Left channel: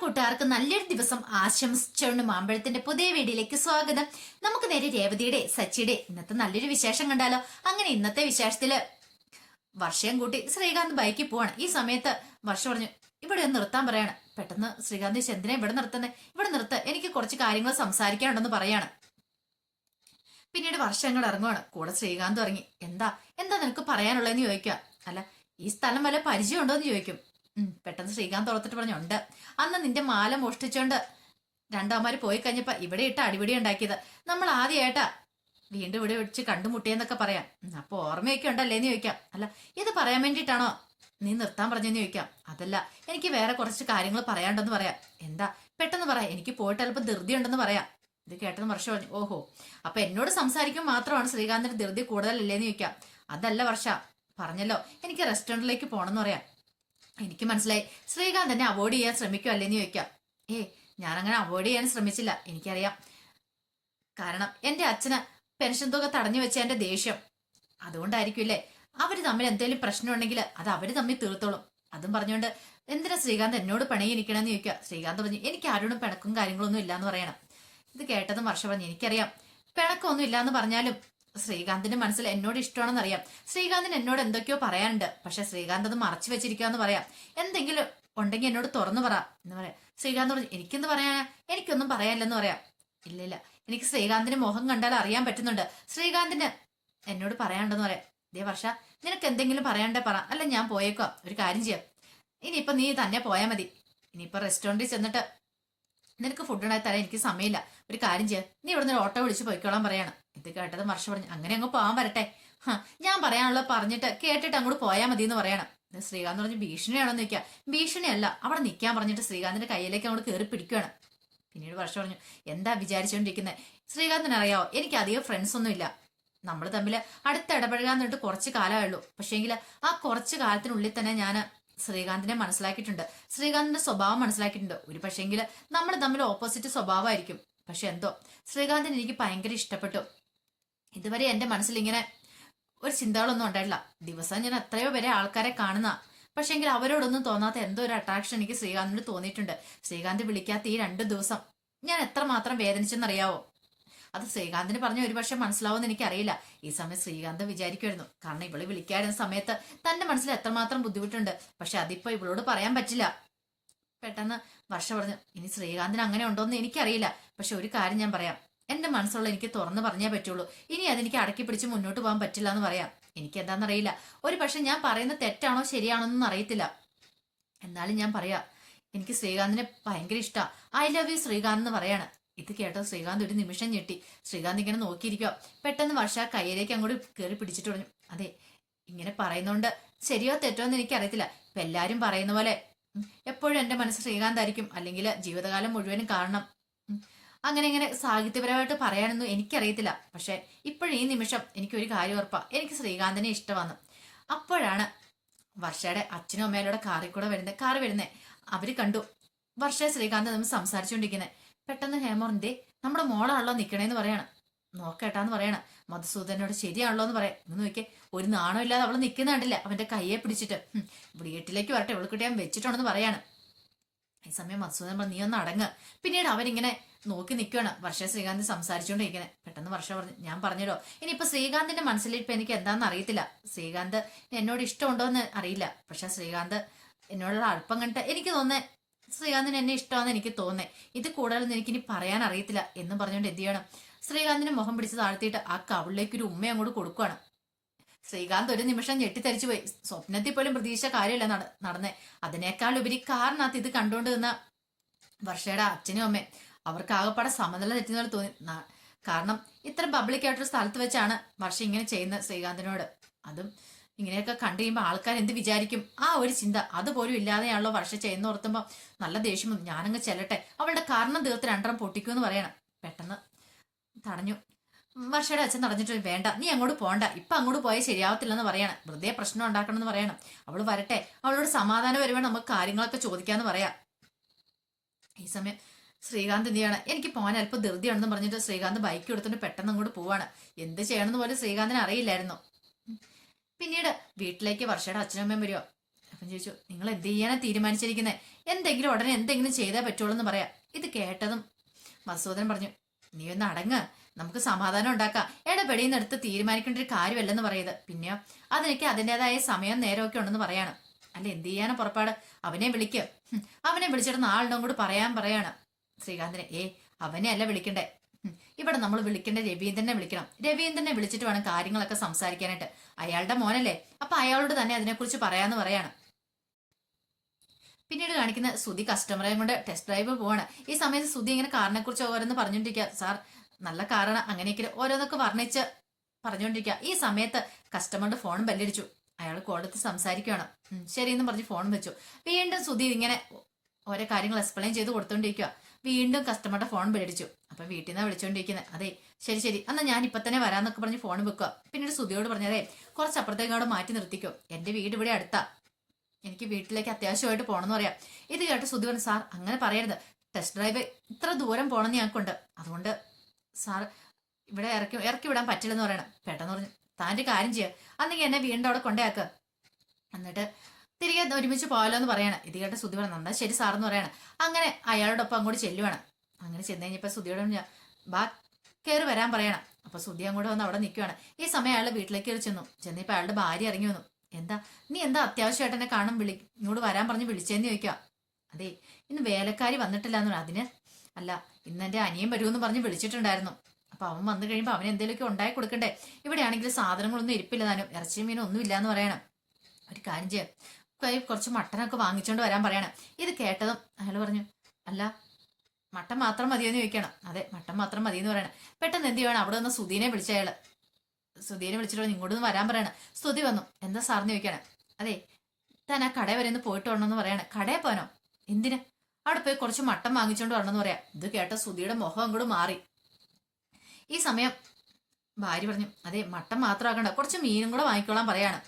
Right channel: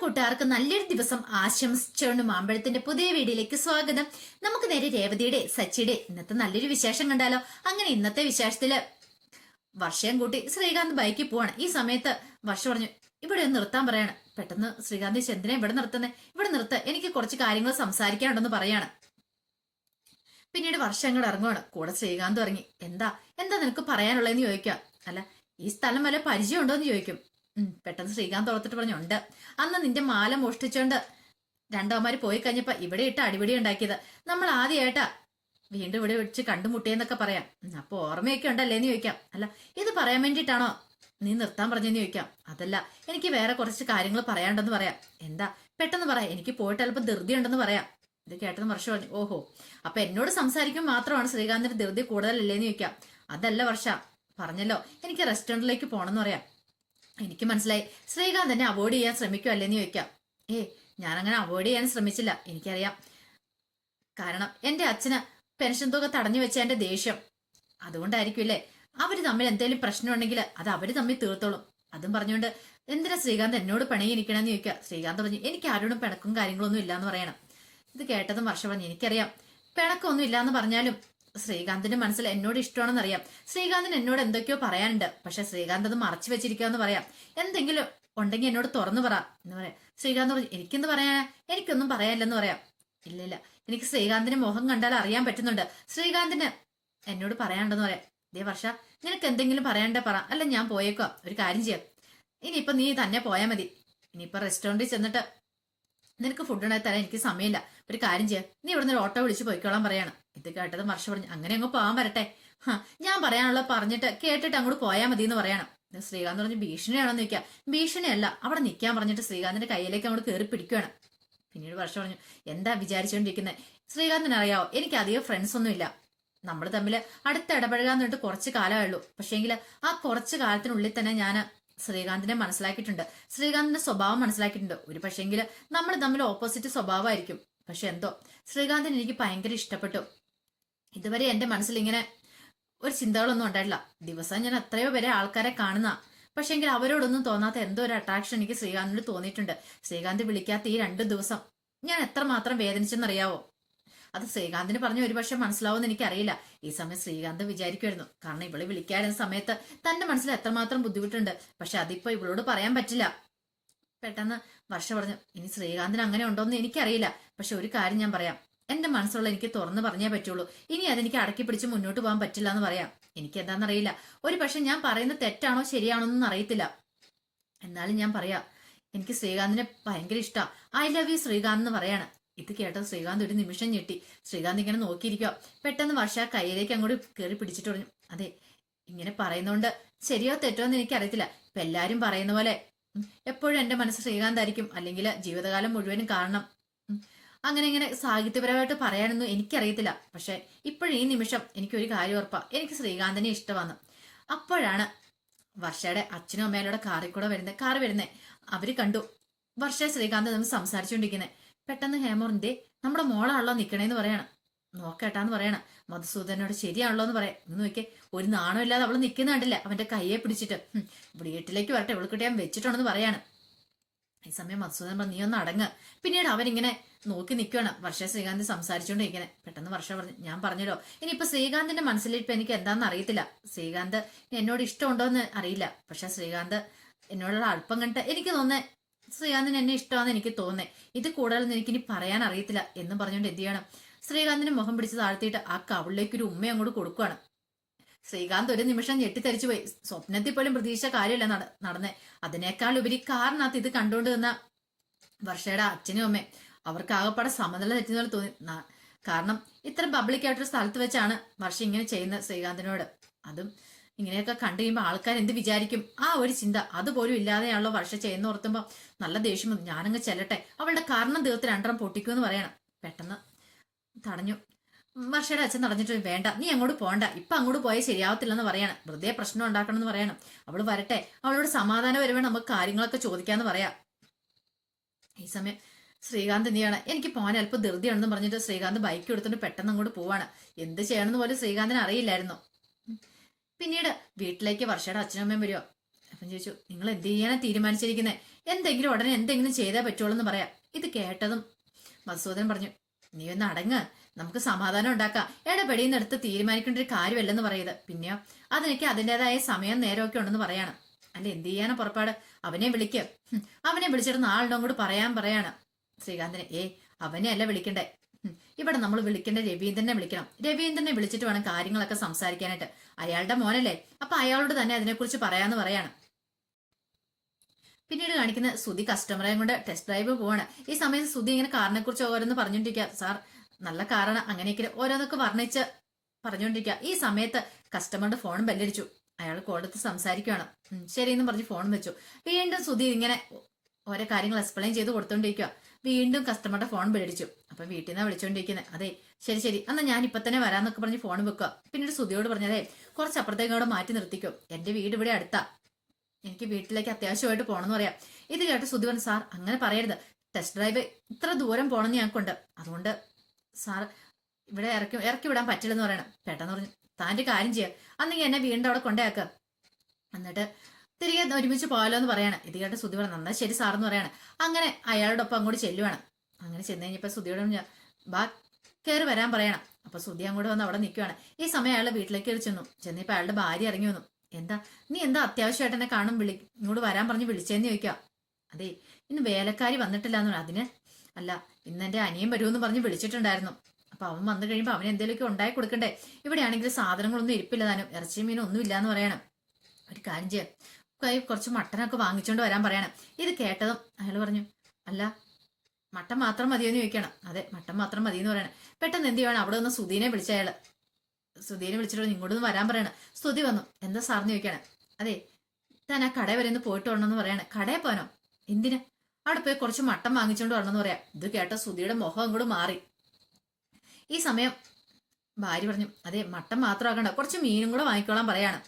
കൂട്ടുകാർക്ക് നല്ലൊരു ദിവസം ആശംസിച്ചുകൊണ്ട് മാമ്പഴത്തിന്റെ പുതിയ വീഡിയോയിലേക്ക് സ്വാഗതം. നമുക്ക് നേരെ രേവതിയുടെ സച്ചിയുടെ ഇന്നത്തെ നല്ലൊരു വിശേഷം കണ്ടാലോ. അങ്ങനെ ഇന്നത്തെ വിശേഷത്തില് വർഷയും കൂട്ടി ശ്രീകാന്ത് ബൈക്കിൽ പോവാണ്. ഈ സമയത്ത് വർഷ പറഞ്ഞു, ഇവിടെ ഒന്ന് നിർത്താൻ പറയാണ്. പെട്ടെന്ന് ശ്രീകാന്ത് എന്തിനാ ഇവിടെ നിർത്തുന്നത്, ഇവിടെ നിർത്ത്, എനിക്ക് കുറച്ച് കാര്യങ്ങൾ സംസാരിക്കാനുണ്ടെന്ന് പറയാണ്. പിന്നീട് വർഷം ഇങ്ങോട്ട് ഇറങ്ങുവാണ്. കൂടെ ശ്രീകാന്ത് ഇറങ്ങി. എന്താ നിനക്ക് പറയാനുള്ളതെന്ന് ചോദിക്കാം. അല്ല, ഈ സ്ഥലം വല്ല പരിചയം ഉണ്ടോ എന്ന് ചോദിക്കും. പെട്ടെന്ന് ശ്രീകാന്ത് ഓർത്തിട്ട് പറഞ്ഞു, ഉണ്ട്. അന്ന് നിന്റെ മാല മോഷ്ടിച്ചോണ്ട് രണ്ടാമാര് പോയി കഴിഞ്ഞപ്പോ ഇവിടെ ഇട്ട് അടിപിടി ഉണ്ടാക്കിയത് നമ്മൾ ആദ്യമായിട്ടാ വീണ്ടും ഇവിടെ വെച്ച് കണ്ടുമുട്ടിയെന്നൊക്കെ പറയാം. അപ്പൊ ഓർമ്മയൊക്കെ ഉണ്ടല്ലേന്ന് ചോദിക്കാം. അല്ല, ഇത് പറയാൻ വേണ്ടിയിട്ടാണോ നീ നിർത്താൻ പറഞ്ഞെന്ന് ചോദിക്കാം. അതല്ല, എനിക്ക് വേറെ കുറച്ച് കാര്യങ്ങൾ പറയാണ്ടെന്ന് പറയാം. എന്താ, പെട്ടെന്ന് പറയാം, എനിക്ക് പോയിട്ട് അല്പം ധൃതി ഉണ്ടെന്ന് പറയാം. ഇത് കേട്ടെന്ന് വർഷ പറഞ്ഞു, ഓഹോ, അപ്പൊ എന്നോട് സംസാരിക്കുമ്പോൾ മാത്രമാണ് ശ്രീകാന്തിന്റെ ധൃതി കൂടുതലല്ലേന്ന് ചോദിക്കാം. അതല്ല വർഷ, പറഞ്ഞല്ലോ എനിക്ക് റെസ്റ്റോറന്റിലേക്ക് പോണെന്ന് പറയാം. എനിക്ക് മനസ്സിലായി ശ്രീകാന്ത് എന്നെ അവോയ്ഡ് ചെയ്യാൻ ശ്രമിക്കും അല്ലേന്ന് ചോദിക്കാം. ഞാനങ്ങനെ അവോയ്ഡ് ചെയ്യാൻ ശ്രമിച്ചില്ല, എനിക്കറിയാം. കാരണം എന്റെ അച്ഛന് പെൻഷൻ തുക തടഞ്ഞു വെച്ച എന്റെ ദേഷ്യം അതുകൊണ്ടായിരിക്കുമല്ലേ. അവര് തമ്മിൽ എന്തെങ്കിലും പ്രശ്നം ഉണ്ടെങ്കിൽ അത് അവര് തമ്മിൽ തീർത്തോളും. അതും പറഞ്ഞുകൊണ്ട് എന്തിനാ ശ്രീകാന്ത് എന്നോട് പിണങ്ങിയിരിക്കണമെന്ന് ചോദിക്കുക. ശ്രീകാന്ത് പറഞ്ഞു, എനിക്ക് ആരോടും പിണക്കും കാര്യങ്ങളൊന്നും ഇല്ലാന്ന് പറയണം. ഇത് കേട്ടതും വർഷ പറഞ്ഞു, എനിക്കറിയാം പിണക്കമൊന്നും ഇല്ലാന്ന് പറഞ്ഞാലും ശ്രീകാന്തിന്റെ മനസ്സിൽ എന്നോട് ഇഷ്ടമാണെന്നറിയാം. ശ്രീകാന്തിന് എന്നോട് എന്തൊക്കെയോ പറയാനുണ്ട്. പക്ഷെ ശ്രീകാന്ത് അത് മറച്ചു വെച്ചിരിക്കാന്ന് പറയാം. എന്തെങ്കിലും ഉണ്ടെങ്കിൽ എന്നോട് തുറന്നു പറ എന്ന് പറയാം. ശ്രീകാന്ത് പറഞ്ഞു, എനിക്കെന്ത് പറയാനാ, എനിക്കൊന്നും പറയാനില്ലെന്ന് പറയാം. ഇല്ല, എനിക്ക് ശ്രീകാന്തിന്റെ മുഖം കണ്ടാൽ അറിയാൻ പറ്റുന്നുണ്ട് ശ്രീകാന്തിന് എന്നോട് പറയാനുണ്ടെന്ന് പറയാം. ദേ വർഷ, നിനക്ക് എന്തെങ്കിലും പറയാണ്ടേ പറ, അല്ല ഞാൻ പോയേക്കോ. ഒരു കാര്യം ചെയ്യാം, ഇനിയിപ്പൊ നീ തന്നെ പോയാൽ മതി. ഇനിയിപ്പൊ റെസ്റ്റോറന്റിൽ ചെന്നിട്ട് നിനക്ക് ഫുഡ് ഉണ്ടാക്കി തരാൻ എനിക്ക് സമയമില്ല. ഒരു കാര്യം ചെയ്യാം, നീ ഇവിടുന്ന് ഒരു ഓട്ടോ വിളിച്ച് പോയിക്കോളാൻ പറയാണ്. ഇത് കേട്ടത് വർഷ പറഞ്ഞു, അങ്ങനെ അങ്ങ് പോകാൻ വരട്ടെ. ഞാൻ പറയാനുള്ളത് പറഞ്ഞിട്ട് കേട്ടിട്ട് അങ്ങോട്ട് പോയാൽ മതി എന്ന് പറയണം. ശ്രീകാന്ത് പറഞ്ഞു, ഭീഷണിയാണെന്ന് നിൽക്കുക. ഭീഷണിയല്ല, അവിടെ നിൽക്കാൻ പറഞ്ഞിട്ട് ശ്രീകാന്തിന്റെ കയ്യിലേക്ക് അങ്ങോട്ട് കയറി പിടിക്കുകയാണ്. പിന്നീട് വർഷ പറഞ്ഞു, എന്താ വിചാരിച്ചുകൊണ്ടിരിക്കുന്നത്, ശ്രീകാന്തിന് അറിയാവോ, എനിക്ക് അധികം ഫ്രണ്ട്സ് ഒന്നും ഇല്ല. നമ്മൾ തമ്മിൽ അടുത്ത് ഇടപഴകാന്ന് പറഞ്ഞിട്ട് കുറച്ച് കാലമേ ഉള്ളൂ. പക്ഷേങ്കിൽ ആ കുറച്ച് കാലത്തിനുള്ളിൽ തന്നെ ഞാൻ ശ്രീകാന്തിനെ മനസ്സിലാക്കിയിട്ടുണ്ട്, ശ്രീകാന്തിന്റെ സ്വഭാവം മനസ്സിലാക്കിയിട്ടുണ്ട്. ഒരു പക്ഷേങ്കിൽ നമ്മൾ തമ്മിൽ ഓപ്പോസിറ്റ് സ്വഭാവമായിരിക്കും. പക്ഷെ എന്തോ ശ്രീകാന്തിന് എനിക്ക് ഭയങ്കര ഇഷ്ടപ്പെട്ടു. ഇതുവരെ എന്റെ മനസ്സിൽ ഇങ്ങനെ ഒരു ചിന്തകളൊന്നും ഉണ്ടായിട്ടില്ല. ദിവസം ഞാൻ എത്രയോ പേരെ ആൾക്കാരെ കാണുന്ന, പക്ഷെങ്കിൽ അവരോടൊന്നും തോന്നാത്ത എന്തോ ഒരു അട്രാക്ഷൻ എനിക്ക് ശ്രീകാന്തിനോട് തോന്നിയിട്ടുണ്ട്. ശ്രീകാന്ത് വിളിക്കാത്ത ഈ 2 ദിവസം ഞാൻ എത്രമാത്രം വേദനിച്ചെന്നറിയാവോ. അത് ശ്രീകാന്തിന് പറഞ്ഞ ഒരുപക്ഷെ മനസ്സിലാവുമെന്ന് എനിക്കറിയില്ല. ഈ സമയം ശ്രീകാന്ത് വിചാരിക്കുമായിരുന്നു, കാരണം ഇവള് വിളിക്കാതിരുന്ന സമയത്ത് തന്റെ മനസ്സിൽ എത്രമാത്രം ബുദ്ധിമുട്ടുണ്ട്. പക്ഷെ അതിപ്പോ ഇവളോട് പറയാൻ പറ്റില്ല. പെട്ടെന്ന് വർഷ പറഞ്ഞു, ഇനി ശ്രീകാന്തിന് അങ്ങനെ ഉണ്ടോന്ന് എനിക്കറിയില്ല. പക്ഷെ ഒരു കാര്യം ഞാൻ പറയാം, എന്റെ മനസ്സുള്ള എനിക്ക് തുറന്നു പറഞ്ഞേ പറ്റുള്ളൂ. ഇനി അതെനിക്ക് അടക്കി പിടിച്ച് മുന്നോട്ട് പോകാൻ പറ്റില്ല എന്ന് പറയാം. എനിക്ക് എന്താണെന്നറിയില്ല, ഒരു പക്ഷെ ഞാൻ പറയുന്നത് തെറ്റാണോ ശരിയാണോ എന്നൊന്നും അറിയത്തില്ല. എന്നാലും ഞാൻ പറയാം, എനിക്ക് ശ്രീകാന്തിനെ ഭയങ്കര ഇഷ്ടമാണ്. ഐ ലവ് യു ശ്രീകാന്ത് എന്ന് പറയാണ്. ഇത് കേട്ടോ ശ്രീകാന്ത് ഒരു നിമിഷം ഞെട്ടി. ശ്രീകാന്ത് ഇങ്ങനെ നോക്കിയിരിക്കുക. പെട്ടെന്ന് വർഷ കയ്യിലേക്ക് അങ്ങോട്ട് കയറി പിടിച്ചിട്ട് പറഞ്ഞു, അതെ, ഇങ്ങനെ പറയുന്നോണ്ട് ശരിയോ തെറ്റോ എന്ന് എനിക്കറിയത്തില്ല. ഇപ്പൊ എല്ലാരും പറയുന്ന പോലെ എപ്പോഴും എന്റെ മനസ്സ് ശ്രീകാന്ത് ആയിരിക്കും, അല്ലെങ്കിൽ ജീവിതകാലം മുഴുവനും കാണണം, അങ്ങനെ ഇങ്ങനെ സാഹിത്യപരമായിട്ട് പറയാനൊന്നും എനിക്കറിയത്തില്ല. പക്ഷെ ഇപ്പോഴും ഈ നിമിഷം എനിക്കൊരു കാര്യം ഉറപ്പാ, എനിക്ക് ശ്രീകാന്തിനെ ഇഷ്ടമാണ്. അപ്പോഴാണ് വർഷയുടെ അച്ഛനും അമ്മയിലൂടെ കാറ് വരുന്നേ. അവര് കണ്ടു വർഷ ശ്രീകാന്ത് നമ്മൾ സംസാരിച്ചുകൊണ്ടിരിക്കുന്നത്. പെട്ടെന്ന് ഹേമോറിന്റെ നമ്മുടെ മോളാണല്ലോ നിക്കണേന്ന് പറയാണ്. നോക്കേട്ടാന്ന് പറയണം. മധുസൂദനോട് ശരിയാണല്ലോ എന്ന് പറയാം. ഇന്ന് നോക്കിയേ, ഒരു നാണം ഇല്ലാതെ അവള് നിൽക്കുന്ന കണ്ടില്ല, അവന്റെ കയ്യെ പിടിച്ചിട്ട്. വീട്ടിലേക്ക് വരട്ടെ, ഇവൾക്കിട്ട് ഞാൻ വെച്ചിട്ടുണ്ടെന്ന് പറയാണ്. ഈ സമയം മധുസൂദൻ പറഞ്ഞു, നീ ഒന്ന് അടങ്ങ്. പിന്നീട് അവനിങ്ങനെ നോക്കി നിൽക്കുകയാണ് വർഷ ശ്രീകാന്ത് സംസാരിച്ചുകൊണ്ടിരിക്കുന്നത്. പെട്ടെന്ന് വർഷ പറഞ്ഞു, ഞാൻ പറഞ്ഞല്ലോ, ഇനിയിപ്പൊ ശ്രീകാന്തിന്റെ മനസ്സിൽ ഇപ്പൊ എനിക്ക് എന്താണെന്ന് അറിയത്തില്ല. ശ്രീകാന്ത് എന്നോട് ഇഷ്ടമുണ്ടോ എന്ന് അറിയില്ല. പക്ഷെ ശ്രീകാന്ത് എന്നോടുള്ള അല്പം കണ്ടിട്ട് എനിക്ക് തോന്നുന്നേ ശ്രീകാന്തിന് എന്നെ ഇഷ്ടമാണെന്ന് എനിക്ക് തോന്നേ. ഇത് കൂടുതലൊന്നും എനിക്കിനി പറയാൻ അറിയത്തില്ല എന്ന് പറഞ്ഞുകൊണ്ട് എന്ത് ചെയ്യണം, ശ്രീകാന്തിന്റെ മുഖം പിടിച്ച് താഴ്ത്തിയിട്ട് ആ കവിളിലേക്ക് ഒരു ഉമ്മ അങ്ങോട്ട് കൊടുക്കുകയാണ്. ശ്രീകാന്ത് ഒരു നിമിഷം ഞെട്ടിത്തരിച്ചു പോയി. സ്വപ്നത്തിൽ പോലും പ്രതീക്ഷിച്ച കാര്യമല്ല നടന്നേ. അതിനേക്കാൾ ഉപരി കാറിനകത്ത് ഇത് കണ്ടുകൊണ്ട് നിന്ന വർഷയുടെ അച്ഛനും അമ്മയും അവർക്ക് ആകെപ്പാടെ സമനില തെറ്റുന്ന പോലെ തോന്നി. കാരണം ഇത്ര പബ്ലിക് ആയിട്ടൊരു സ്ഥലത്ത് വെച്ചാണ് വർഷ ഇങ്ങനെ ചെയ്യുന്നത് ശ്രീകാന്തിനോട്. അതും ഇങ്ങനെയൊക്കെ കണ്ടു കഴിയുമ്പോൾ ആൾക്കാർ എന്ത് വിചാരിക്കും, ആ ഒരു ചിന്ത അതുപോലും ഇല്ലാതെയാണല്ലോ വർഷ ചെയ്യുന്ന ഓർത്തുമ്പോ നല്ല ദേഷ്യം. ഞാനങ്ങ് ചെല്ലട്ടെ, അവളുടെ കാരണം തീർത്ത് 2 പൊട്ടിക്കുമെന്ന് പറയണം. പെട്ടെന്ന് തടഞ്ഞു. വർഷയുടെ അച്ഛൻ തടഞ്ഞിട്ട്, വേണ്ട, നീ അങ്ങോട്ട് പോണ്ട, ഇപ്പൊ അങ്ങോട്ട് പോയാൽ ശരിയാവത്തില്ലെന്ന് പറയണം. വെറുതെ പ്രശ്നം ഉണ്ടാക്കണം എന്ന് പറയണം. അവള് വരട്ടെ, അവളോട് സമാധാനം വരുവാൻ നമുക്ക് കാര്യങ്ങളൊക്കെ ചോദിക്കാന്ന് പറയാം. ഈ സമയം ശ്രീകാന്ത് എന്ത് ചെയ്യാണ്, എനിക്ക് പോകാൻ അല്പം ധൃതിയാണെന്ന് പറഞ്ഞിട്ട് ശ്രീകാന്ത് ബൈക്ക് എടുത്തിട്ട് പെട്ടെന്ന് അങ്ങോട്ട് പോവാണ്. എന്ത് ചെയ്യണമെന്ന് പോലും ശ്രീകാന്തിന് അറിയില്ലായിരുന്നു. പിന്നീട് വീട്ടിലേക്ക് വർഷയുടെ അച്ഛനും അമ്മയും വരുമോ. അപ്പം ചോദിച്ചു, നിങ്ങൾ എന്ത് ചെയ്യാനാ തീരുമാനിച്ചിരിക്കുന്നത്, എന്തെങ്കിലും ഉടനെ എന്തെങ്കിലും ചെയ്തേ പറ്റുള്ളൂ എന്ന് പറയാം. ഇത് കേട്ടതും മധുസൂദനൻ പറഞ്ഞു, നീ ഒന്ന് അടങ്ങ്, നമുക്ക് സമാധാനം ഉണ്ടാക്കാം. ഇടപെടിയെന്നെടുത്ത് തീരുമാനിക്കേണ്ട ഒരു കാര്യമല്ലെന്ന് പറയുന്നത്. പിന്നെയോ അതിനൊക്കെ അതിൻ്റെതായ സമയം നേരമൊക്കെ ഉണ്ടെന്ന് പറയാണ്. അല്ല എന്ത് ചെയ്യാനാ പുറപ്പാട്? അവനെ വിളിക്ക്. അവനെ വിളിച്ചിട്ട് നാളുടെ അങ്ങോട്ട് പറയാണ് ശ്രീകാന്തിനെ. അവനെ അല്ല വിളിക്കണ്ടേ, ഇവിടെ നമ്മൾ വിളിക്കേണ്ട രവീന്ദ്രനെ വിളിക്കണം. രവീന്ദ്രനെ വിളിച്ചിട്ട് വേണം കാര്യങ്ങളൊക്കെ സംസാരിക്കാനായിട്ട്. അയാളുടെ മോനല്ലേ, അപ്പൊ അയാളോട് തന്നെ അതിനെക്കുറിച്ച് പറയാന്ന് പറയാണ്. പിന്നീട് കാണിക്കുന്ന സുധി കസ്റ്റമറെ കൊണ്ട് ടെസ്റ്റ് ഡ്രൈവ് പോവാണ്. ഈ സമയത്ത് സുധി ഇങ്ങനെ കാറിനെ കുറിച്ച് ഓരോന്ന് പറഞ്ഞോണ്ടിരിക്കുക. സാർ നല്ല കാറാണ്, അങ്ങനെയൊക്കെ ഓരോന്നൊക്കെ വർണ്ണിച്ച് പറഞ്ഞുകൊണ്ടിരിക്കുക. ഈ സമയത്ത് കസ്റ്റമറുടെ ഫോൺ ബെല്ലടിച്ചു. അയാൾ കോളെടുത്ത് സംസാരിക്കുകയാണ്. ശരിയെന്നും പറഞ്ഞ് ഫോൺ വെച്ചു. വീണ്ടും സുധി ഇങ്ങനെ ഓരോ കാര്യങ്ങൾ എക്സ്പ്ലെയിൻ ചെയ്ത് കൊടുത്തോണ്ടിരിക്കുക. വീണ്ടും കസ്റ്റമറുടെ ഫോൺ ബെല്ലടിച്ചു. അപ്പൊ വീട്ടിൽ നിന്നാണ് വിളിച്ചോണ്ടിരിക്കുന്നത്. അതെ ശരി എന്നാ ഞാൻ ഇപ്പൊ തന്നെ വരാന്നൊക്കെ പറഞ്ഞ് ഫോൺ വെക്കുക. പിന്നീട് സുധിയോട് പറഞ്ഞതേ കുറച്ച് അപ്പുറത്തേക്കോടെ മാറ്റി നിർത്തിക്കോ, എന്റെ വീട് ഇവിടെ അടുത്താ, എനിക്ക് വീട്ടിലേക്ക് അത്യാവശ്യമായിട്ട് പോകണമെന്ന് പറയാം. ഇത് കേട്ട് സുധി പറഞ്ഞു, സാർ അങ്ങനെ പറയരുത്, ടെസ്റ്റ് ഡ്രൈവ് ഇത്ര ദൂരം പോകണമെന്ന് ഞങ്ങൾക്കുണ്ട്, അതുകൊണ്ട് സാർ ഇവിടെ ഇറക്കി വിടാൻ പറ്റില്ലെന്ന് പറയണം. പെട്ടെന്ന് പറഞ്ഞു, താൻ്റെ കാര്യം ചെയ്യുക, അന്നെങ്കിൽ എന്നെ വീണ്ടും അവിടെ കൊണ്ടേക്ക്, എന്നിട്ട് തിരികെ ഒരുമിച്ച് പോകാലോ എന്ന് പറയണം. ഇത് കേട്ട് സുധി പറഞ്ഞു, നന്നാ ശരി സാറെന്ന് പറയണം. അങ്ങനെ അയാളോടൊപ്പം അങ്ങോട്ട് ചെല്ലുവാണ്. അങ്ങനെ ചെന്ന് കഴിഞ്ഞപ്പോൾ സുധിയോട് ഞാൻ ബാ കയറി വരാൻ പറയണം. അപ്പൊ സുധി അങ്ങോട്ട് വന്ന് അവിടെ നിൽക്കുവാണ്. ഈ സമയം അയാൾ വീട്ടിലേക്ക് കയറി ചെന്നിപ്പോൾ അയാളുടെ ഭാര്യ ഇറങ്ങി വന്നു. നീ എന്താ അത്യാവശ്യമായിട്ട് എന്നെ ഇങ്ങോട്ട് വരാൻ പറഞ്ഞ് വിളിച്ചേന്ന് ചോദിക്കാം. അതെ ഇന്ന് വേലക്കാരി വന്നിട്ടില്ല എന്ന് പറഞ്ഞു. അതിന് അല്ല, ഇന്ന് എന്റെ അനിയൻ വരുമെന്ന് പറഞ്ഞ് വിളിച്ചിട്ടുണ്ടായിരുന്നു. അപ്പൊ അവൻ വന്നു കഴിയുമ്പോൾ അവൻ എന്തെങ്കിലുമൊക്കെ ഉണ്ടാക്കി കൊടുക്കണ്ടേ. ഇവിടെയാണെങ്കിൽ സാധനങ്ങളൊന്നും ഇരിപ്പില്ല, താനും ഇറച്ചിയും മീനും ഒന്നും ഇല്ലാന്ന് പറയണം. ഒരു കാര്യം ചെയ്യാം, കുറച്ച് മട്ടനൊക്കെ വാങ്ങിച്ചോണ്ട് വരാൻ പറയണം. ഇത് കേട്ടതും അയാൾ പറഞ്ഞു, അല്ല മട്ടൻ മാത്രം മതിയെന്ന് ചോദിക്കണം. അതെ മട്ടൻ മാത്രം മതിയെന്ന് പറയണം. പെട്ടെന്ന് എന്ത് ചെയ്യണം, അവിടെ ഒന്ന് സുധീനെ വിളിച്ച അയാള്. സുധീനെ വിളിച്ചിട്ട് ഇങ്ങോട്ടൊന്ന് വരാൻ പറയണം. സ്തുതി വന്നു. എന്താ സാറിന് ചോദിക്കണേ. അതെ താൻ ആ കടയിൽ വരെ ഒന്ന് പോയിട്ട് വരണമെന്ന് പറയണേ. കടയിൽ പോനോ? എന്തിന്? അവിടെ പോയി കുറച്ച് മട്ടൻ വാങ്ങിച്ചോണ്ട് വരണമെന്ന് പറയാം. ഇത് കേട്ട സുധിയുടെ മുഖം അങ്ങോട്ട് മാറി. ഈ സമയം ഭാര്യ പറഞ്ഞു, അതെ മട്ടൻ മാത്രമാക്കണ്ട, കുറച്ച് മീനും കൂടെ വാങ്ങിക്കോളാൻ പറയാണ്.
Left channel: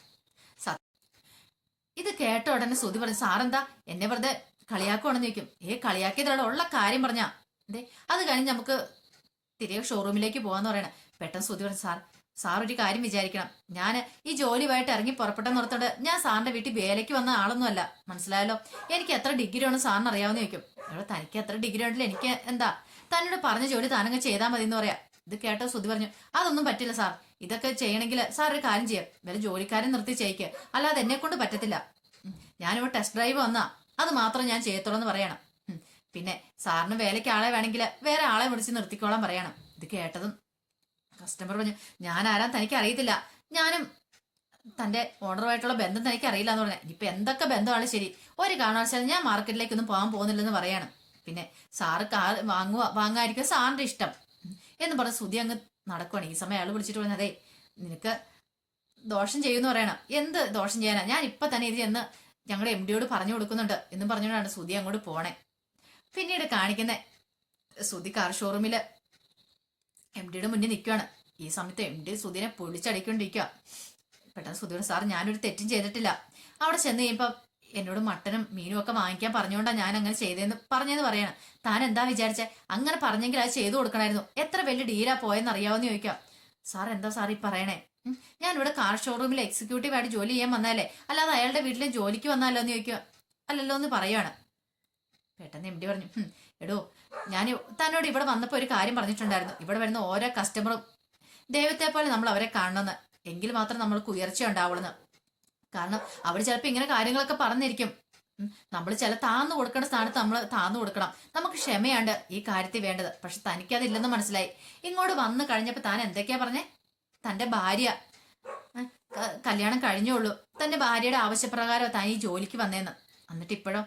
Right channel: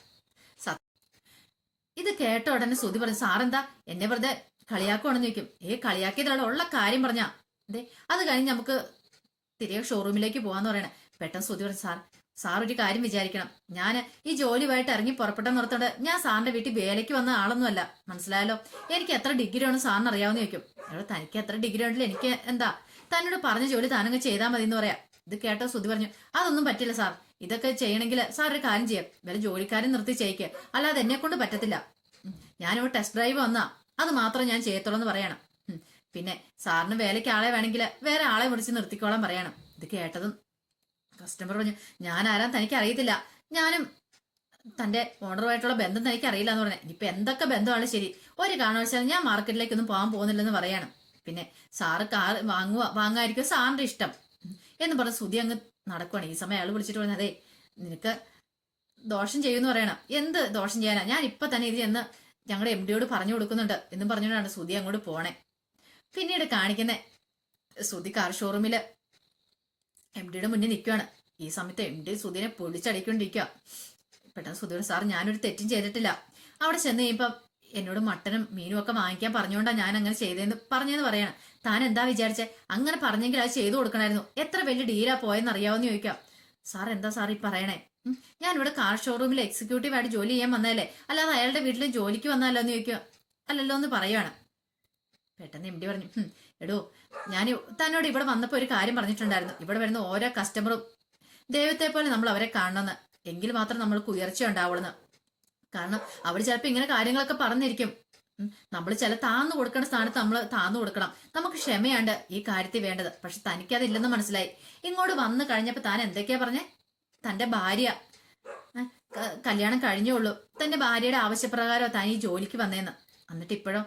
ഇത് കേട്ട ഉടനെ സുധി പറഞ്ഞു, സാറെന്താ എന്നെ വെറുതെ കളിയാക്കുവാണെന്ന് ചോദിക്കും. കളിയാക്കിയതാണ്, ഉള്ള കാര്യം പറഞ്ഞാ. അതെ അത് കഴിഞ്ഞ് നമുക്ക് തിരികെ ഷോറൂമിലേക്ക് പോവാന്ന് പറയണേ. പെട്ടെന്ന് സുധി പറഞ്ഞു, സാർ ഒരു കാര്യം വിചാരിക്കണം, ഞാൻ ഈ ജോലിയുമായിട്ട് ഇറങ്ങി പുറപ്പെട്ടെന്ന് ഓർത്തോണ്ട് ഞാൻ സാറിന്റെ വീട്ടിൽ വേലയ്ക്ക് വന്ന ആളൊന്നുമല്ല, മനസ്സിലായല്ലോ. എനിക്ക് എത്ര ഡിഗ്രി ആണ് സാറിന് അറിയാവുന്ന ചോദിക്കും. എടോ തനിക്ക് എത്ര ഡിഗ്രി ഉണ്ടല്ലോ, എനിക്ക് എന്താ, തന്നോട് പറഞ്ഞ ജോലി താനങ്ങ് ചെയ്താൽ മതി എന്ന് പറയാം. ഇത് കേട്ടോ സുധി പറഞ്ഞു, അതൊന്നും പറ്റില്ല സാർ, ഇതൊക്കെ ചെയ്യണമെങ്കിൽ സാർ ഒരു കാര്യം ചെയ്യാം, വല്ല ജോലിക്കാരൻ നിർത്തി ചെയ്യിക്കുക, അല്ലാതെ എന്നെ കൊണ്ട് പറ്റത്തില്ല. ഞാനിവിടെ ടെസ്റ്റ് ഡ്രൈവ് വന്നാ അത് മാത്രം ഞാൻ ചെയ്യത്തുള്ളൂ എന്ന് പറയണം. പിന്നെ സാറിന് വേലയ്ക്ക് ആളെ വേണമെങ്കിൽ വേറെ ആളെ വിളിച്ച് നിർത്തിക്കോളാൻ പറയണം. ഇത് കേട്ടതും കസ്റ്റമർ പറഞ്ഞു, ഞാൻ ആരാൻ തനിക്ക് അറിയത്തില്ല, ഞാനും തന്റെ ഓണറുമായിട്ടുള്ള ബന്ധം തനിക്ക് അറിയില്ല എന്ന് പറഞ്ഞാൽ. ഇനിയിപ്പൊ എന്തൊക്കെ ബന്ധമാണ് ശരി, ഒരു കാരണവശാലും ഞാൻ മാർക്കറ്റിലേക്കൊന്നും പോകാൻ പോകുന്നില്ലെന്ന് പറയാണ്. പിന്നെ സാറ് കാർ വാങ്ങാതിരിക്കും സാറിന്റെ ഇഷ്ടം എന്ന് പറഞ്ഞ സുധി അങ്ങ് നടക്കുവാണ്. ഈ സമയം അയാൾ വിളിച്ചിട്ട് പറഞ്ഞു, അതെ നിനക്ക് ദോഷം ചെയ്യുമെന്ന് പറയണം. എന്ത് ദോഷം ചെയ്യാനാ, ഞാൻ ഇപ്പൊ തന്നെ ഇത് എന്ന് ഞങ്ങളുടെ MD പറഞ്ഞു കൊടുക്കുന്നുണ്ട് എന്നും പറഞ്ഞുകൊണ്ടാണ് സുധി അങ്ങോട്ട് പോണേ. പിന്നീട് കാണിക്കുന്ന സുധി കാർ ഷോറൂമില് MD മുന്നിൽ നിൽക്കുകയാണ്. ഈ സമയത്ത് MD സുധിനെ പൊളിച്ചടിക്കൊണ്ടിരിക്കുക. പെട്ടെന്ന് സുധിയോട്, സാർ ഞാനൊരു തെറ്റും ചെയ്തിട്ടില്ല, അവിടെ ചെന്ന് കഴിയുമ്പം എന്നോട് മട്ടനും മീനും ഒക്കെ വാങ്ങിക്കാൻ പറഞ്ഞുകൊണ്ടാണ് ഞാൻ അങ്ങനെ ചെയ്തതെന്ന് പറഞ്ഞെന്ന് പറയണം. താൻ എന്താ വിചാരിച്ചേ, അങ്ങനെ പറഞ്ഞെങ്കിൽ അത് ചെയ്തു കൊടുക്കണമായിരുന്നു, എത്ര വലിയ ഡീലാ പോയെന്ന് അറിയാവുന്ന ചോദിക്കാം. സാർ എന്താ സാർ ഈ പറയണേ, ഞാനിവിടെ കാർ ഷോറൂമിൽ എക്സിക്യൂട്ടീവ് ആയിട്ട് ജോലി ചെയ്യാൻ വന്നാലേ, അല്ലാതെ അയാളുടെ വീട്ടിൽ ജോലിക്ക് വന്നാലോ എന്ന് ചോദിക്കുക. അല്ലല്ലോ എന്ന് പറയുകയാണ്. പെട്ടെന്ന് MD പറഞ്ഞു, എടോ ഞാൻ തന്നോട് ഇവിടെ വന്നപ്പോൾ ഒരു കാര്യം പറഞ്ഞിട്ടുണ്ടായിരുന്നു, ഇവിടെ വരുന്ന ഓരോ കസ്റ്റമറും ദൈവത്തെ പോലെ നമ്മൾ അവരെ കാണണമെന്ന്, എങ്കിൽ മാത്രം നമ്മൾക്ക് ഉയർച്ച ഉണ്ടാവുള്ളൂ. കാരണം അവർ ചിലപ്പോൾ ഇങ്ങനെ കാര്യങ്ങളൊക്കെ പറഞ്ഞിരിക്കും. നമ്മൾ ചില താന്നു കൊടുക്കേണ്ട സ്ഥാനത്ത് നമ്മൾ താന്നു കൊടുക്കണം. നമുക്ക് ക്ഷമയാണ്ട് ഈ കാര്യത്തിൽ വേണ്ടത്. പക്ഷെ തനിക്കതില്ലെന്ന് മനസ്സിലായി. ഇങ്ങോട്ട് വന്നു കഴിഞ്ഞപ്പോൾ താൻ എന്തൊക്കെയാ പറഞ്ഞേ, തന്റെ ഭാര്യ കല്യാണം കഴിഞ്ഞുള്ളൂ, തന്റെ ഭാര്യയുടെ ആവശ്യപ്രകാരം താൻ ഈ ജോലിക്ക് വന്നേന്ന്. എന്നിട്ട് ഇപ്പോഴും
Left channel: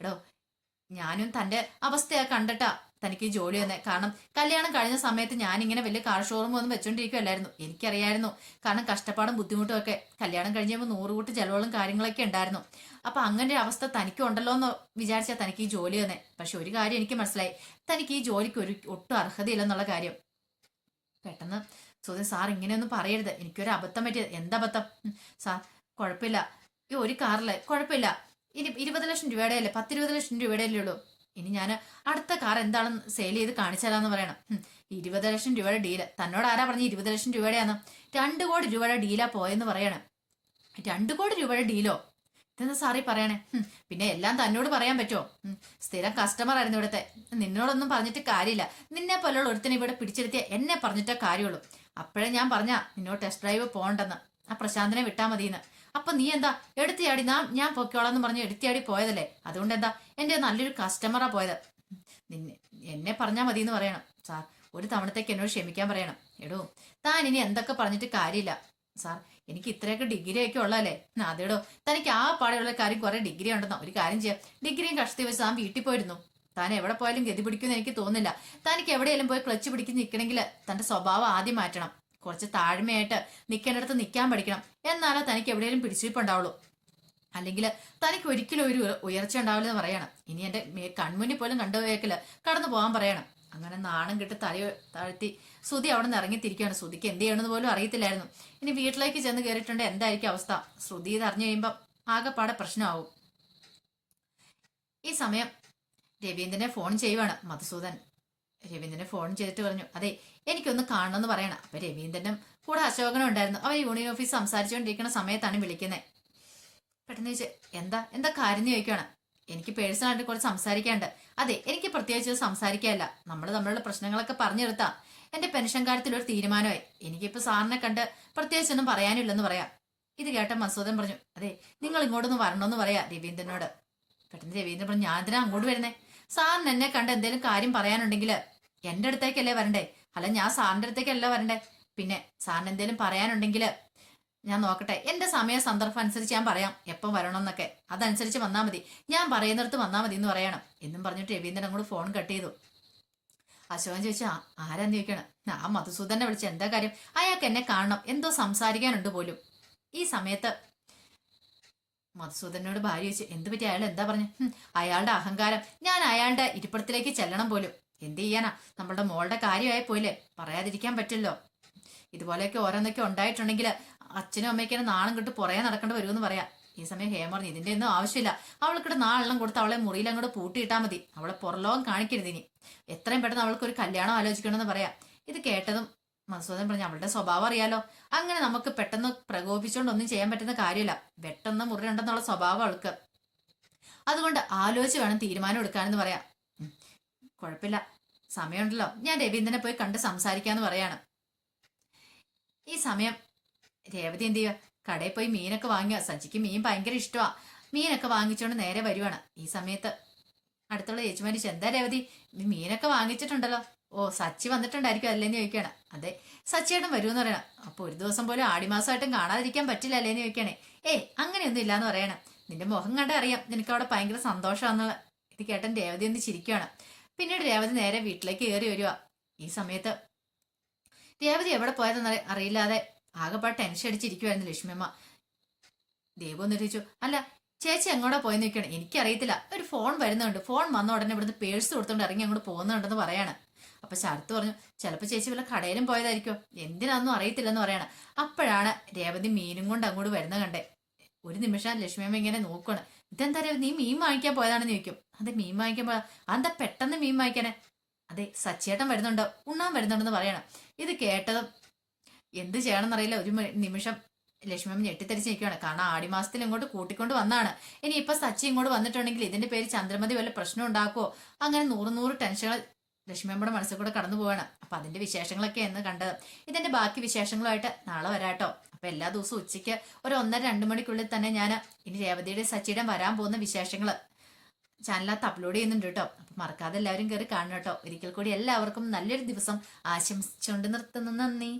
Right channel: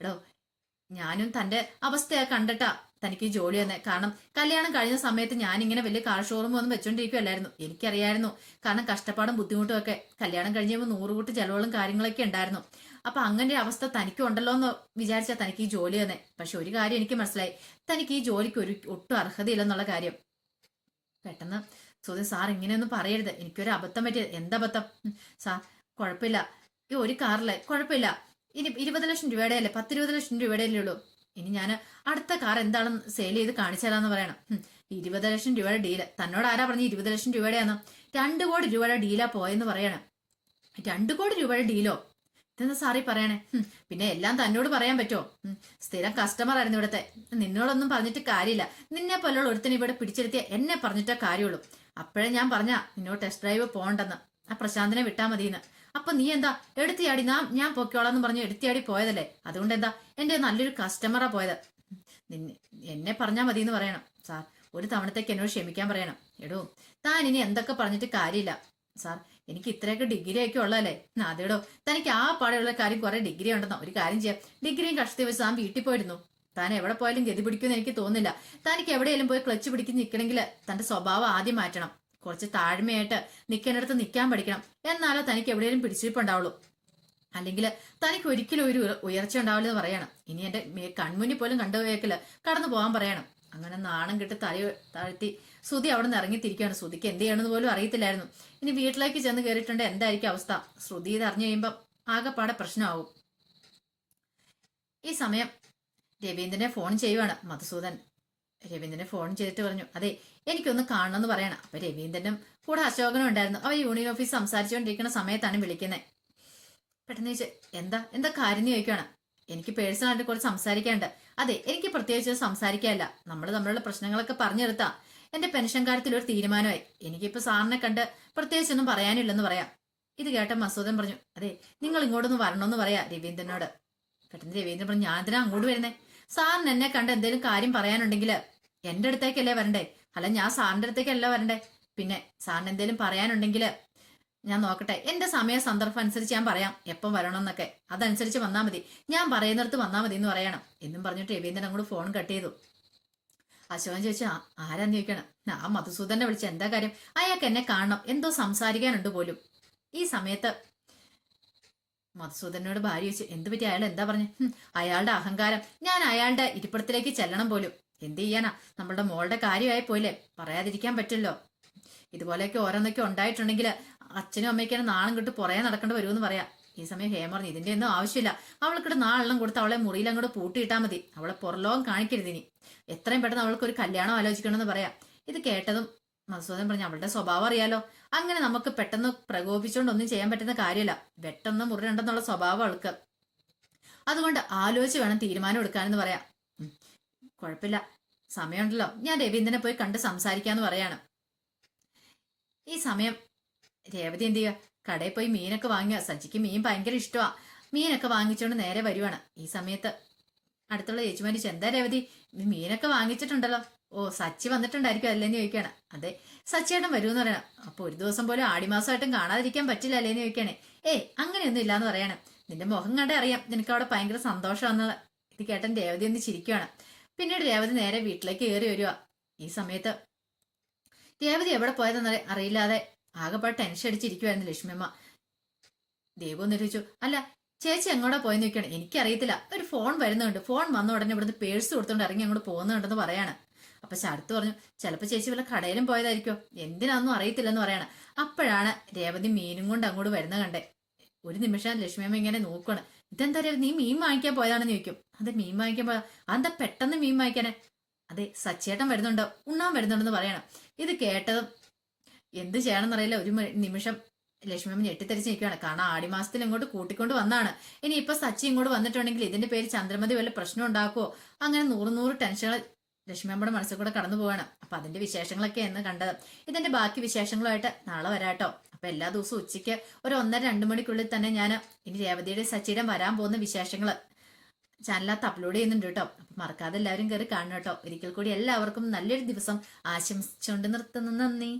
എടോ ഞാനും തന്റെ അവസ്ഥയാ കണ്ടിട്ടാ തനിക്ക് ജോലി തന്നെ. കാരണം കല്യാണം കഴിഞ്ഞ സമയത്ത് ഞാനിങ്ങനെ വലിയ കാർ ഷോറൂം ഒന്നും വെച്ചോണ്ടിരിക്കുവല്ലായിരുന്നു, എനിക്കറിയായിരുന്നു. കാരണം കഷ്ടപ്പാടും ബുദ്ധിമുട്ടും ഒക്കെ കല്യാണം കഴിഞ്ഞപ്പോൾ 100 കൂട്ട് ചെലവുകളും കാര്യങ്ങളൊക്കെ ഉണ്ടായിരുന്നു. അപ്പൊ അങ്ങനെ ഒരു അവസ്ഥ തനിക്ക് ഉണ്ടല്ലോ എന്ന് വിചാരിച്ചാൽ തനിക്ക് ഈ ജോലി തന്നെ. പക്ഷെ ഒരു കാര്യം എനിക്ക് മനസ്സിലായി, തനിക്ക് ഈ ജോലിക്ക് ഒട്ടും അർഹതയില്ലെന്നുള്ള കാര്യം. പെട്ടെന്ന് സുധി, സാർ ഇങ്ങനെയൊന്നും പറയരുത്, എനിക്കൊരു അബദ്ധം പറ്റിയത്. എന്തബദ്ധം? സാർ കുഴപ്പമില്ല, ഈ ഒരു കാറിലെ കുഴപ്പമില്ല, ഇനി 20 ലക്ഷം രൂപയുടെ അല്ലേ, 10-20 ലക്ഷം രൂപയുടെ അല്ലേ ഉള്ളൂ, ഇനി ഞാൻ അടുത്ത കാർ എന്താണെന്ന് സെയിൽ ചെയ്ത് കാണിച്ചാലാന്ന് പറയണം. 20 ലക്ഷം രൂപയുടെ ഡീല് തന്നോട് ആരാ പറഞ്ഞ് 20 ലക്ഷം രൂപയുടെയാന്ന്? 2 കോടി രൂപയുടെ ഡീലാ പോയെന്ന് പറയണം. 2 കോടി രൂപയുടെ ഡീലോ? ഇതെന്ന് സാറി പറയണേ? പിന്നെ എല്ലാം തന്നോട് പറയാൻ പറ്റുമോ? സ്ഥിരം കസ്റ്റമർ ആയിരുന്നു ഇവിടുത്തെ. നിന്നോടൊന്നും പറഞ്ഞിട്ട് കാര്യമില്ല. നിന്നെ പോലുള്ള ഒരുത്തനെ ഇവിടെ പിടിച്ചെടുത്തിയ എന്നെ പറഞ്ഞിട്ടേ കാര്യമുള്ളൂ. അപ്പോഴേ ഞാൻ പറഞ്ഞ നിന്നോട് ടെസ്റ്റ് ഡ്രൈവ് പോകണ്ടെന്ന്, ആ പ്രശാന്തിനെ വിട്ടാ മതിയെന്ന്. അപ്പൊ നീ എന്താ എടുത്തിയാടി? ഞാൻ പൊക്കോളാന്ന് പറഞ്ഞ് എടുത്തിയാടി പോയതല്ലേ? അതുകൊണ്ട് എന്താ എന്റെ നല്ലൊരു കസ്റ്റമറാ പോയത്. എന്നെ പറഞ്ഞാ മതി എന്ന് പറയണം സാർ. ഒരു തവണത്തേക്ക് എന്നോട് ക്ഷമിക്കാൻ പറയണം. എടോ, താൻ ഇനി എന്തൊക്കെ പറഞ്ഞിട്ട് കാര്യമില്ല സാർ. എനിക്ക് ഇത്രയൊക്കെ ഡിഗ്രി ഒക്കെ ഉള്ളതല്ലേ? അതേടോ, തനിക്ക് ആ പാടെയുള്ള കാര്യം കുറെ ഡിഗ്രി ഉണ്ടെന്നോ? ഒരു കാര്യം ചെയ്യാം, ഡിഗ്രിയും കഷ്ടത്തിൽ വെച്ച് താൻ വീട്ടിൽ പോയിരുന്നു. താൻ എവിടെ പോയാലും ഗതി പിടിക്കുമെന്ന് എനിക്ക് തോന്നുന്നില്ല. തനിക്ക് എവിടെയെങ്കിലും പോയി ക്ലച്ച് പിടിക്കുന്ന നിൽക്കണമെങ്കിൽ തന്റെ സ്വഭാവം ആദ്യം മാറ്റണം. കുറച്ച് താഴ്മയായിട്ട് നിൽക്കേണ്ടടുത്ത് നിൽക്കാൻ പഠിക്കണം. എന്നാലോ തനിക്ക് എവിടെയെങ്കിലും പിടിച്ചിരിപ്പുണ്ടാവുള്ളൂ. അല്ലെങ്കിൽ തനിക്ക് ഒരിക്കലും ഒരു ഉയർച്ച ഉണ്ടാവില്ലെന്ന് പറയണം. ഇനി എന്റെ കൺമുന്നിൽ പോലും കണ്ടുപോയേക്കില്ല, കടന്നു പോകാൻ പറയണം. അങ്ങനെ നാണം കിട്ടി തല താഴ്ത്തി ശ്രുതി അവിടെ നിന്ന് ഇറങ്ങിത്തിരിക്കുകയാണ്. ശ്രുതിക്ക് എന്ത് ചെയ്യണമെന്ന് പോലും അറിയത്തില്ലായിരുന്നു. ഇനി വീട്ടിലേക്ക് ചെന്ന് കയറിയിട്ടുണ്ട് എന്തായിരിക്കും അവസ്ഥ? ശ്രുതി ഇത് അറിഞ്ഞു കഴിയുമ്പം ആകെപ്പാടെ പ്രശ്നമാവും. ഈ സമയം രവീന്ദ്രനെ ഫോൺ ചെയ്യുവാണ് മധുസൂദൻ. രവീന്ദ്രനെ ഫോൺ ചെയ്തിട്ട് പറഞ്ഞു, അതെ എനിക്കൊന്ന് കാണണമെന്ന് പറയണം. അപ്പൊ രവീന്ദ്രനും കൂടെ അശോകനും ഉണ്ടായിരുന്നു. അവർ യൂണിയൻ ഓഫീസ് സംസാരിച്ചുകൊണ്ടിരിക്കുന്ന സമയത്താണ് വിളിക്കുന്നത്. പെട്ടെന്ന് ചോദിച്ചു, എന്താ കാര്യം എന്ന് ചോദിക്കുകയാണ്. എനിക്ക് പേഴ്സണലായിട്ട് കുറച്ച് സംസാരിക്കാനുണ്ട്. അതെ, എനിക്ക് പ്രത്യേകിച്ച് സംസാരിക്കാനല്ല, നമ്മൾ തമ്മിലുള്ള പ്രശ്നങ്ങളൊക്കെ പറഞ്ഞെടുത്താ എന്റെ പെൻഷൻ കാര്യത്തിൽ ഒരു തീരുമാനമായി. എനിക്കിപ്പോ സാറിനെ കണ്ട് പ്രത്യേകിച്ചൊന്നും പറയാനില്ലെന്ന് പറയാം. ഇത് കേട്ട മസൂദൻ പറഞ്ഞു, അതെ നിങ്ങൾ ഇങ്ങോട്ടൊന്ന് വരണമെന്ന് പറയാ രവീന്ദ്രനോട്. പെട്ടെന്ന് രവീന്ദ്രൻ പറഞ്ഞു, ഞാൻ എന്തിനാ അങ്ങോട്ട് വരുന്നേ? സാറിന് എന്നെ കണ്ട് എന്തെങ്കിലും കാര്യം പറയാനുണ്ടെങ്കിൽ എന്റെ അടുത്തേക്കല്ലേ വരണ്ടേ? അല്ല, ഞാൻ സാറിന്റെ അടുത്തേക്കല്ല വരണ്ടേ. പിന്നെ സാറിന് എന്തെങ്കിലും പറയാനുണ്ടെങ്കിൽ ഞാൻ നോക്കട്ടെ, എന്റെ സമയ സന്ദർഭം അനുസരിച്ച് ഞാൻ പറയാം എപ്പം വരണമെന്നൊക്കെ. അതനുസരിച്ച് വന്നാൽ മതി, ഞാൻ പറയുന്നിടത്ത് വന്നാൽ മതി എന്ന് പറയണം എന്നും പറഞ്ഞിട്ട് രവീന്ദ്രൻ അങ്ങോട്ട് ഫോൺ കട്ട് ചെയ്തു. അശോകൻ ചോദിച്ചാ ആരാന്ന് ചോദിക്കണം. ആ മധുസൂദനെ വിളിച്ച എന്താ കാര്യം? അയാൾക്ക് എന്നെ കാണണം, എന്തോ സംസാരിക്കാനുണ്ട് പോലും. ഈ സമയത്ത് മധുസൂദനോട് ഭാര്യ ചോദിച്ചു, എന്ത് പറ്റി? അയാൾ എന്താ പറഞ്ഞു? അയാളുടെ അഹങ്കാരം. ഞാൻ അയാളുടെ ഇരിപ്പിടത്തിലേക്ക് ചെല്ലണം പോലും. എന്ത് ചെയ്യാനാ, നമ്മളുടെ മോളുടെ കാര്യമായി പോയില്ലേ, പറയാതിരിക്കാൻ പറ്റില്ലോ. ഇതുപോലെയൊക്കെ ഓരോന്നൊക്കെ ഉണ്ടായിട്ടുണ്ടെങ്കിൽ അച്ഛനും അമ്മയ്ക്കും നാണം കിട്ട് പുറകെ നടക്കേണ്ടി വരുമെന്ന് പറയാം. ഈ സമയം ഹേമ പറഞ്ഞു, ഇതിന്റെ ഒന്നും ആവശ്യമില്ല. അവൾക്കിട്ട് നാളെല്ലാം കൊടുത്ത് അവളെ മുറിയിൽ അങ്ങോട്ട് പൂട്ടിയിട്ടാ മതി. അവളെ പുറലോകം കാണിക്കരുത്. ഇനി എത്രയും പെട്ടെന്ന് അവൾക്ക് ഒരു കല്യാണം ആലോചിക്കണമെന്ന് പറയാം. ഇത് കേട്ടതും മധുസൂദൻ പറഞ്ഞു, അവളുടെ സ്വഭാവം അറിയാലോ. അങ്ങനെ നമുക്ക് പെട്ടെന്ന് പ്രകോപിച്ചുകൊണ്ട് ഒന്നും ചെയ്യാൻ പറ്റുന്ന കാര്യമില്ല. വെട്ടെന്ന് മുറിയുണ്ടെന്നുള്ള സ്വഭാവം അവൾക്ക്. അതുകൊണ്ട് ആലോചിച്ച് വേണം തീരുമാനം എടുക്കാനെന്ന് പറയാം. കുഴപ്പമില്ല, സമയമുണ്ടല്ലോ, ഞാൻ രവീന്ദ്രനെ പോയി കണ്ട് സംസാരിക്കാന്ന് പറയാണ്. ഈ സമയം രേവതി എന്ത് ചെയ്യുക, കടയിൽ പോയി മീനൊക്കെ വാങ്ങിയ. സച്ചിക്ക് മീൻ ഭയങ്കര ഇഷ്ടമാ. മീനൊക്കെ വാങ്ങിച്ചുകൊണ്ട് നേരെ വരുവാണ്. ഈ സമയത്ത് അടുത്തുള്ള ചേച്ചിമാരി, എന്താ രേവതി നീ മീനൊക്കെ വാങ്ങിച്ചിട്ടുണ്ടല്ലോ? ഓ, സച്ചി വന്നിട്ടുണ്ടായിരിക്കും അല്ലേന്ന് ചോദിക്കുകയാണ്. അതെ, സച്ചിയേട്ടൻ വരുമെന്ന് പറയണം. അപ്പൊ ഒരു ദിവസം പോലും ആടിമാസമായിട്ടും കാണാതിരിക്കാൻ പറ്റില്ല അല്ലേന്ന് ചോദിക്കുകയാണേ. അങ്ങനെയൊന്നും ഇല്ലാന്ന് പറയണം. നിന്റെ മുഖം കണ്ടേ അറിയാം നിനക്ക് അവിടെ ഭയങ്കര സന്തോഷമാണെന്നുള്ള. ഇത് കേട്ടൻ രേവതി ഒന്ന് ചിരിക്കുകയാണ്. പിന്നീട് രേവതി നേരെ വീട്ടിലേക്ക് കയറി വരിക. ഈ സമയത്ത് രേവതി എവിടെ പോയതെന്ന് അറിയില്ലാതെ ആകെപ്പാട് ടെൻഷൻ അടിച്ചിരിക്കുവായിരുന്നു ലക്ഷ്മിയമ്മ. ദേവു ഒന്ന് ചോദിച്ചു, അല്ല ചേച്ചി എങ്ങോട്ടാ പോയെന്ന് ചോദിക്കണം. എനിക്കറിയത്തില്ല, ഒരു ഫോൺ വരുന്നുണ്ട്. ഫോൺ വന്ന ഉടനെ ഇവിടുന്ന് പേഴ്സ് കൊടുത്തോണ്ട് ഇറങ്ങി അങ്ങോട്ട് പോകുന്നുണ്ടെന്ന് പറയാണ്. അപ്പൊ ശരത്ത് പറഞ്ഞു, ചിലപ്പോ ചേച്ചി വല്ല കടയിലും പോയതായിരിക്കോ, എന്തിനാന്നും അറിയത്തില്ലെന്ന് പറയാണ്. അപ്പോഴാണ് രേവതി മീനും കൊണ്ട് അങ്ങോട്ട് വരുന്ന കണ്ടേ. ഒരു നിമിഷം ലക്ഷ്മിയമ്മ ഇങ്ങനെ നോക്കുകയാണ്. ഇതെന്താ നീ മീൻ വാങ്ങിക്കാൻ പോയതാണെന്ന് ചോദിക്കും. അതെ, മീൻ വാങ്ങിക്കാൻ പോയതാ. അതെന്താ പെട്ടെന്ന് മീൻ വാങ്ങിക്കാനെ? അതെ, സച്ചേട്ടൻ വരുന്നുണ്ടോ, ഉണ്ണാൻ വരുന്നുണ്ടെന്ന് പറയണം. ഇത് കേട്ടതും എന്ത് ചെയ്യണമെന്നറിയില്ല. ഒരു നിമിഷം ലക്ഷ്മിയമ്മ ഞെട്ടിത്തെരിച്ച് നിൽക്കുകയാണ്. കാരണം ആടിമാസത്തിൽ ഇങ്ങോട്ട് കൂട്ടിക്കൊണ്ട് വന്നാണ്. ഇനി ഇപ്പൊ സച്ചി ഇങ്ങോട്ട് വന്നിട്ടുണ്ടെങ്കിൽ ഇതിന്റെ പേര് ചന്ദ്രമതി വല്ല പ്രശ്നം ഉണ്ടാക്കുവോ? അങ്ങനെ നൂറ് ടെൻഷനുകൾ ലക്ഷ്മിയമ്മയുടെ മനസ്സിൽ കൂടെ കടന്നു പോവാണ്. അപ്പൊ അതിന്റെ വിശേഷങ്ങളൊക്കെ എന്ന് കണ്ടത്. ഇതിന്റെ ബാക്കി വിശേഷങ്ങളുമായിട്ട് നാളെ വരാട്ടോ. അപ്പൊ എല്ലാ ദിവസവും ഉച്ചയ്ക്ക് ഒരു 1:30-2 മണിക്കുള്ളിൽ തന്നെ ഞാൻ ഇനി രേവതിയുടെ സച്ചിയുടെ വരാൻ പോകുന്ന വിശേഷങ്ങൾ ചാനലിനകത്ത് അപ്ലോഡ് ചെയ്യുന്നുണ്ട് കേട്ടോ. അപ്പൊ മറക്കാതെ എല്ലാവരും കയറി കാണണം കേട്ടോ. ഒരിക്കൽ കൂടി എല്ലാവർക്കും നല്ലൊരു ദിവസം ആശംസിച്ചുകൊണ്ട് നിർത്തുന്നു. നന്ദി.